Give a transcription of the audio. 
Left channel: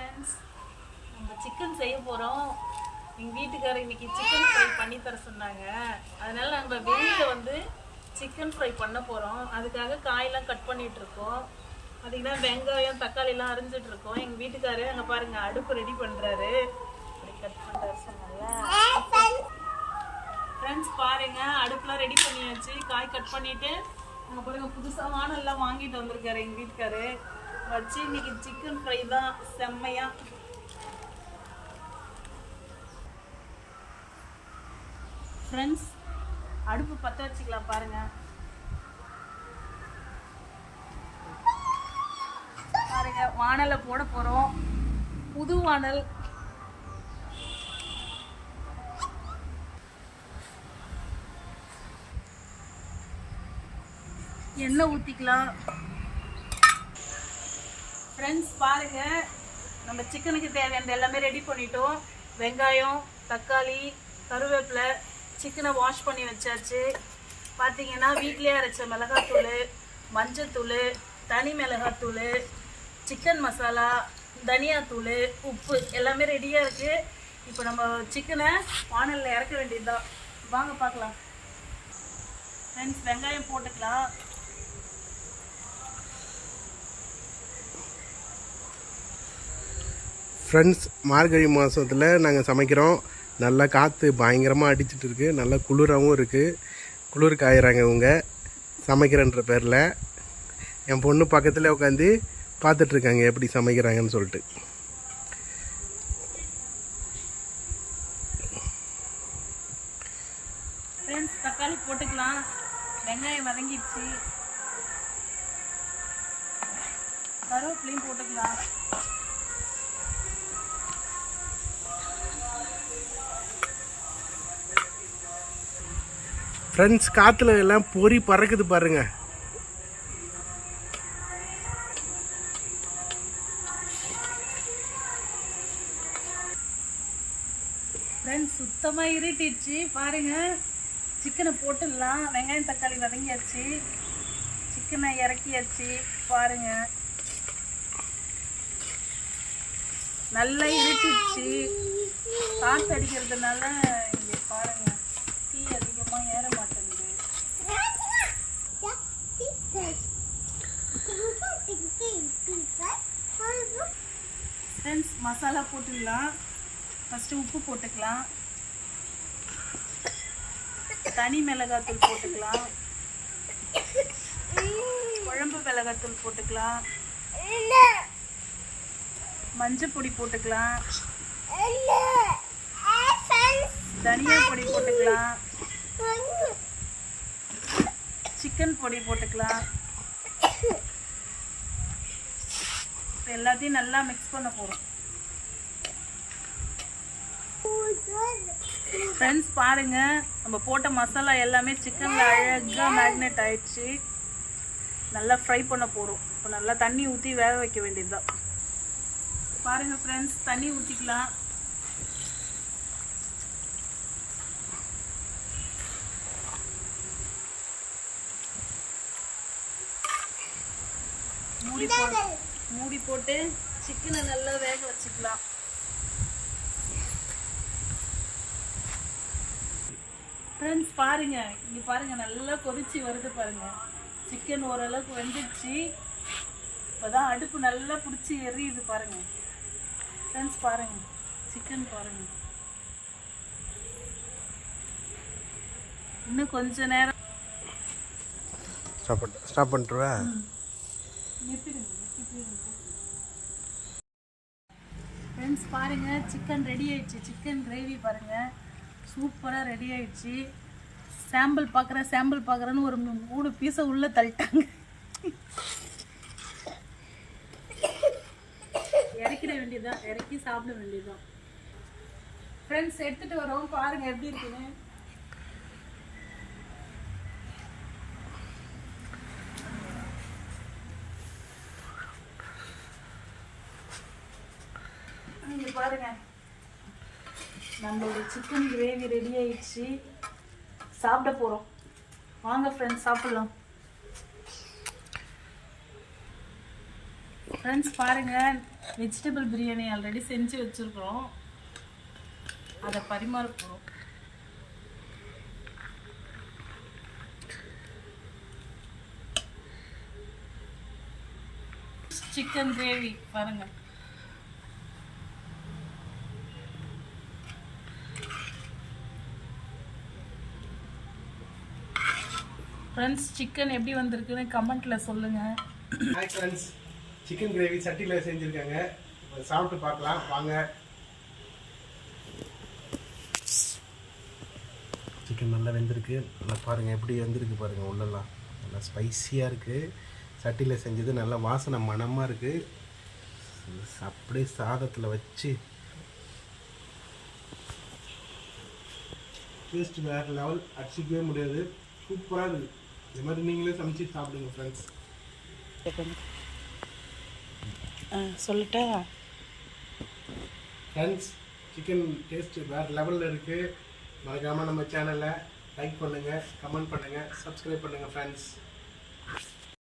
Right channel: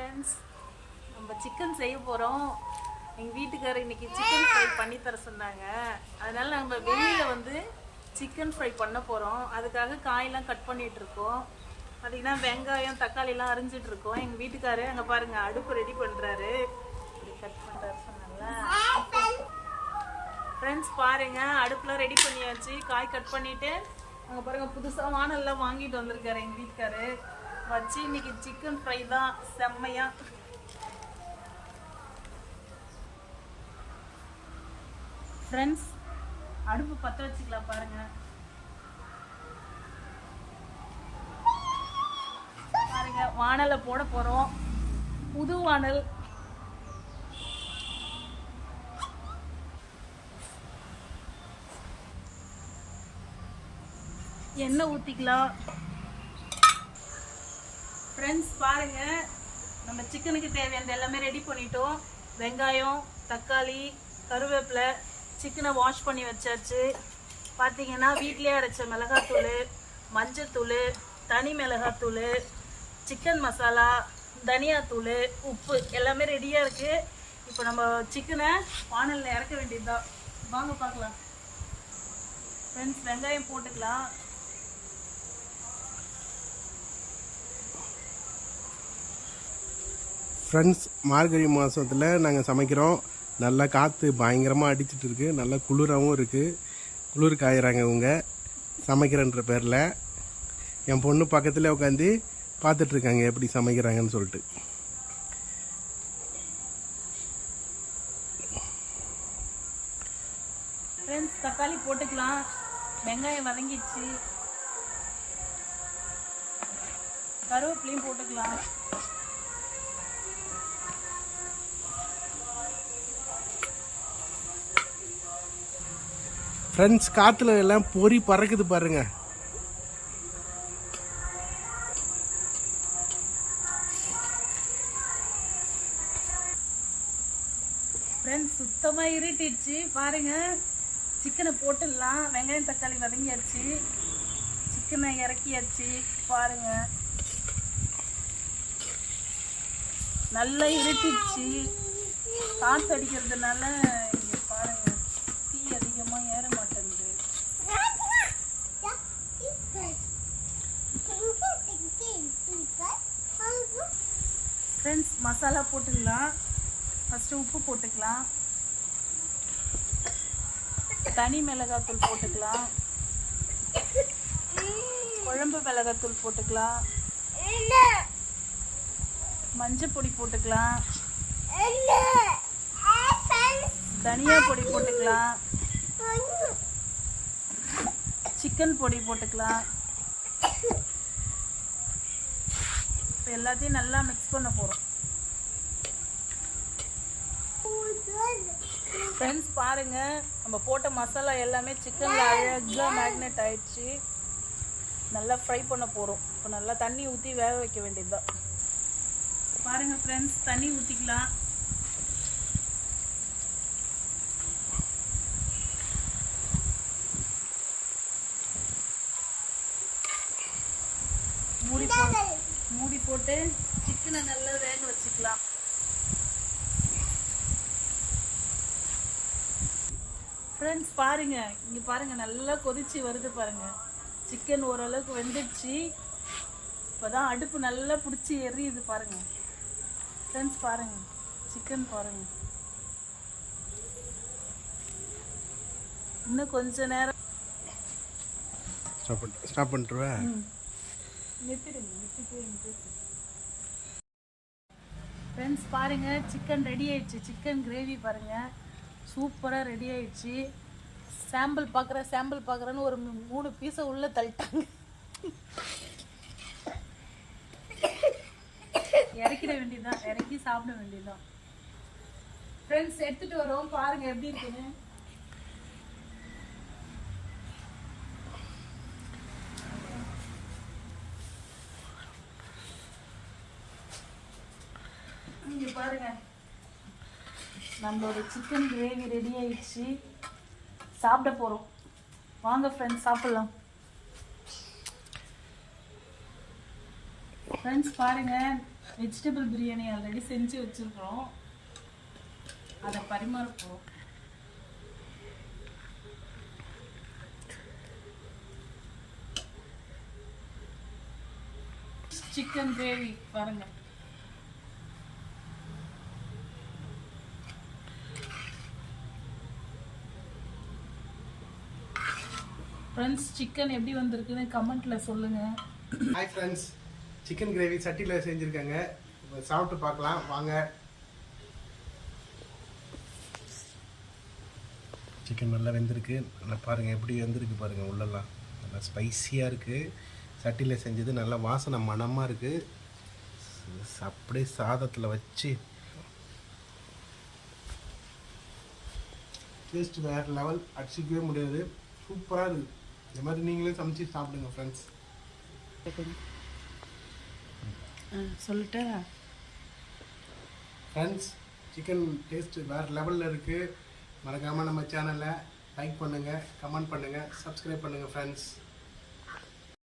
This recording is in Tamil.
ஃப்ரெண்ட்ஸ் நம்ம சிக்கன் செய்ய போகிறோம் எங்கள் வீட்டுக்காரர் இன்றைக்கி சிக்கன் ஃப்ரை பண்ணி தர சொன்னாங்க. அதனால் நம்ம வெளியில் வந்து சிக்கன் ஃப்ரை பண்ண போகிறோம் அதுக்காக காயெல்லாம் கட் பண்ணிகிட்ருக்கோம் அதுக்கு தான் வெங்காயம் தக்காளிலாம் அரிஞ்சிட்ருக்கோம் எங்கள் வீட்டுக்காரரு அங்கே பாருங்கள் அடுப்பு ரெடி பண்ணுறாரு கட் பண்ணுறாரு சொன்னாங்க. ஃப்ரெண்ட்ஸ் பாருங்க அடுப்புலாம் ரெடி பண்ணியாச்சு. காய் கட் பண்ணிவிட்டு அங்கே பாருங்கள் புதுசாக வானல்லாம் வாங்கிட்டு வந்திருக்காரு எங்கள் வீட்டுக்காரு வச்சு இன்னைக்கு சிக்கன் ஃப்ரை தான் செம்மையா. ஃப்ரெண்ட்ஸ் அடுப்பு பற்ற வச்சுக்கலாம் பாருங்க. பாருங்க வானலை போட போகிறோம் புது வானல். எண்ணெய் ஊற்றிக்கலாம் ஃப்ரெண்ட்ஸ் பாருங்க. நம்ம சிக்கனுக்கு தேவையானது எல்லாமே ரெடி பண்ணிட்டோம். வெங்காயம் தக்காளி கருவேப்பிலை சிக்கனை வாஷ் பண்ணி வச்சாச்சு. பார்த்தீங்கன்னா வீட்டிலே அரைச்ச மிளகாத்தூள் மஞ்சத்தூள் தனி மிளகாத்தூள் சிக்கன் மசாலா தனியாத்தூள் உப்பு எல்லாமே ரெடியாக இருக்குது இப்போ நம்ம சிக்கனை வானலில் இறக்க வேண்டியதுதான். வாங்க பார்க்கலாம். ஃப்ரெண்ட்ஸ் வெங்காயம் போட்டுக்கலாம். ஃப்ரெண்ட்ஸ் மார்கழி மாதத்தில் நாங்கள் சமைக்கிறோம். நல்லா காற்று பயங்கரமாக அடிச்சிட்டு இருக்குது நல்லா குளிராகவும் இருக்குது குளிர் காயிறாங்க இவங்க. சமைக்கிறன்ற பேரில். என் பொண்ணு பக்கத்தில் உட்காந்து பார்த்துட்ருக்காங்க எப்படி சமைக்கிறாங்கன்னு சொல்லிட்டு. ஃப்ரெண்ட்ஸ் தக்காளி போட்டுக்கலாம். வெங்காயம் வதங்கிடுச்சு. கருவேப்பிலையும் போட்டுக்கலாம். ஃப்ரெண்ட்ஸ் காற்றுல எல்லாம் பொறி பறக்குது பாருங்க. ஃப்ரெண்ட்ஸ் சுத்தமாக இருட்டிடுச்சு. பாருங்க. சிக்கனை போட்டுடலாம். வெங்காயம் தக்காளி வதங்கியாச்சு. சிக்கனை இறக்கியாச்சு. பாருங்க. நல்லா இருட்டிடுச்சு. காற்று அடிக்கிறதுனால இங்கே பாருங்க. தீ அதிகமாக ஏற மாட்டேங்குது. ஃப்ரெண்ட்ஸ் மசாலா போட்டுடலாம் ஃபஸ்ட்டு உப்பு போட்டுக்கலாம். தனி மிளகாத்தூள் போட்டுக்கலாம். குழம்பு மிளகாத்தூள் போட்டுக்கலாம். மஞ்சள் பொடி போட்டுக்கலாம். தனியா பொடி போட்டுக்கலாம். சிக்கன் பொடி போட்டுக்கலாம். இப்போ எல்லாத்தையும் நல்லா மிக்ஸ் பண்ண போகிறோம் ஃப்ரெண்ட்ஸ் பாருங்க. நம்ம போட்ட மசாலா எல்லாமே சிக்கனில் அழகாக மேக்னேட் ஆயிடுச்சு. நல்லா ஃப்ரை பண்ண போகிறோம் இப்போ நல்லா தண்ணி ஊற்றி வேக வைக்க வேண்டியதுதான். பாருங்க ஃப்ரெண்ட்ஸ் தண்ணி ஊற்றிக்கலாம் மூடி போ மூடி போட்டு சிக்கனை நல்லா வேக வச்சுக்கலாம். ஃப்ரெண்ட்ஸ் பாருங்க. இங்க பாருங்க நல்லா கொதிச்சு வருது பாருங்க. சிக்கன் ஓரளவுக்கு வெந்துடுச்சு. இப்போதான் அடுப்பு நல்லா பிடிச்சி எரியுது பாருங்க. ஃப்ரெண்ட்ஸ் பாருங்க. சிக்கன் பாருங்க. இன்னும் கொஞ்ச நேரம் ஸ்டாப் பண்ணிட்டு ஸ்டாப் பண்ணிட்டுருவா நிறுத்திடுங்க ஃப்ரெண்ட்ஸ் பாருங்கள் சிக்கன் ரெடி ஆயிடுச்சு. சிக்கன் கிரேவி பாருங்கள் சூப்பராக ரெடி ஆயிடுச்சு. சாம்பிள் பார்க்குறேன் சாம்பிள் பார்க்குறேன்னு ஒரு மூணு பீஸை உள்ளே தள்ளிட்டாங்க. இறக்கிட வேண்டியதுதான். இறக்கி சாப்பிட வேண்டியதுதான். ஃப்ரெண்ட்ஸ் எடுத்துகிட்டு வரோம். பாருங்கள் எப்படி இருக்குன்னு இங்க பாருங்க. நம்மளோட சிக்கன் கிரேவி ரெடி ஆயிடுச்சு. சாப்பிட போறோம். வாங்க ஃப்ரெண்ட்ஸ் சாப்பிடலாம். ஃப்ரெண்ட்ஸ் பாருங்க. வெஜிடபிள் பிரியாணி ஆல்ரெடி செஞ்சு வச்சுருக்குறோம். அதை பரிமாற போகிறோம் சிக்கன் கிரேவி பாருங்க. ஃப்ரெண்ட்ஸ் சிக்கன் எப்படி வந்திருக்குன்னு கமெண்ட்ல சொல்லுங்க. ஹாய் ஃப்ரெண்ட்ஸ் சிக்கன் கிரேவி சட்டியில் செஞ்சுருக்காங்க. இப்போ சாப்பிட்டு பார்க்கலாம். வாங்க. சிக்கன் நல்லா வெந்திருக்கு. நல்லா பாருங்கள் எப்படி வெந்திருக்கு பாருங்கள் உள்ளெல்லாம். நல்லா ஸ்பைசியாக இருக்குது சட்டியில் செஞ்சது நல்லா வாசனை மணமாக இருக்குது அப்படியே சாதத்தில் வச்சு. டேஸ்ட் வேறு லெவல் அடிச்சிக்கவே முடியாது. சூப்பராக இருக்குது இந்த மாதிரி நீங்களே சமைச்சு சாப்பிடுங்க ஃப்ரெண்ட்ஸ் சொல்லட்டா? ஃப்ரெண்ட்ஸ் சிக்கன் டேஸ்ட் வேறு லெவலில் இருக்குது மறக்காமல் நம்ம சேனலை லைக் பண்ணுங்கள் கமெண்ட் பண்ணுங்கள் சப்ஸ்கிரைப் பண்ணுங்கள் ஃப்ரெண்ட்ஸ்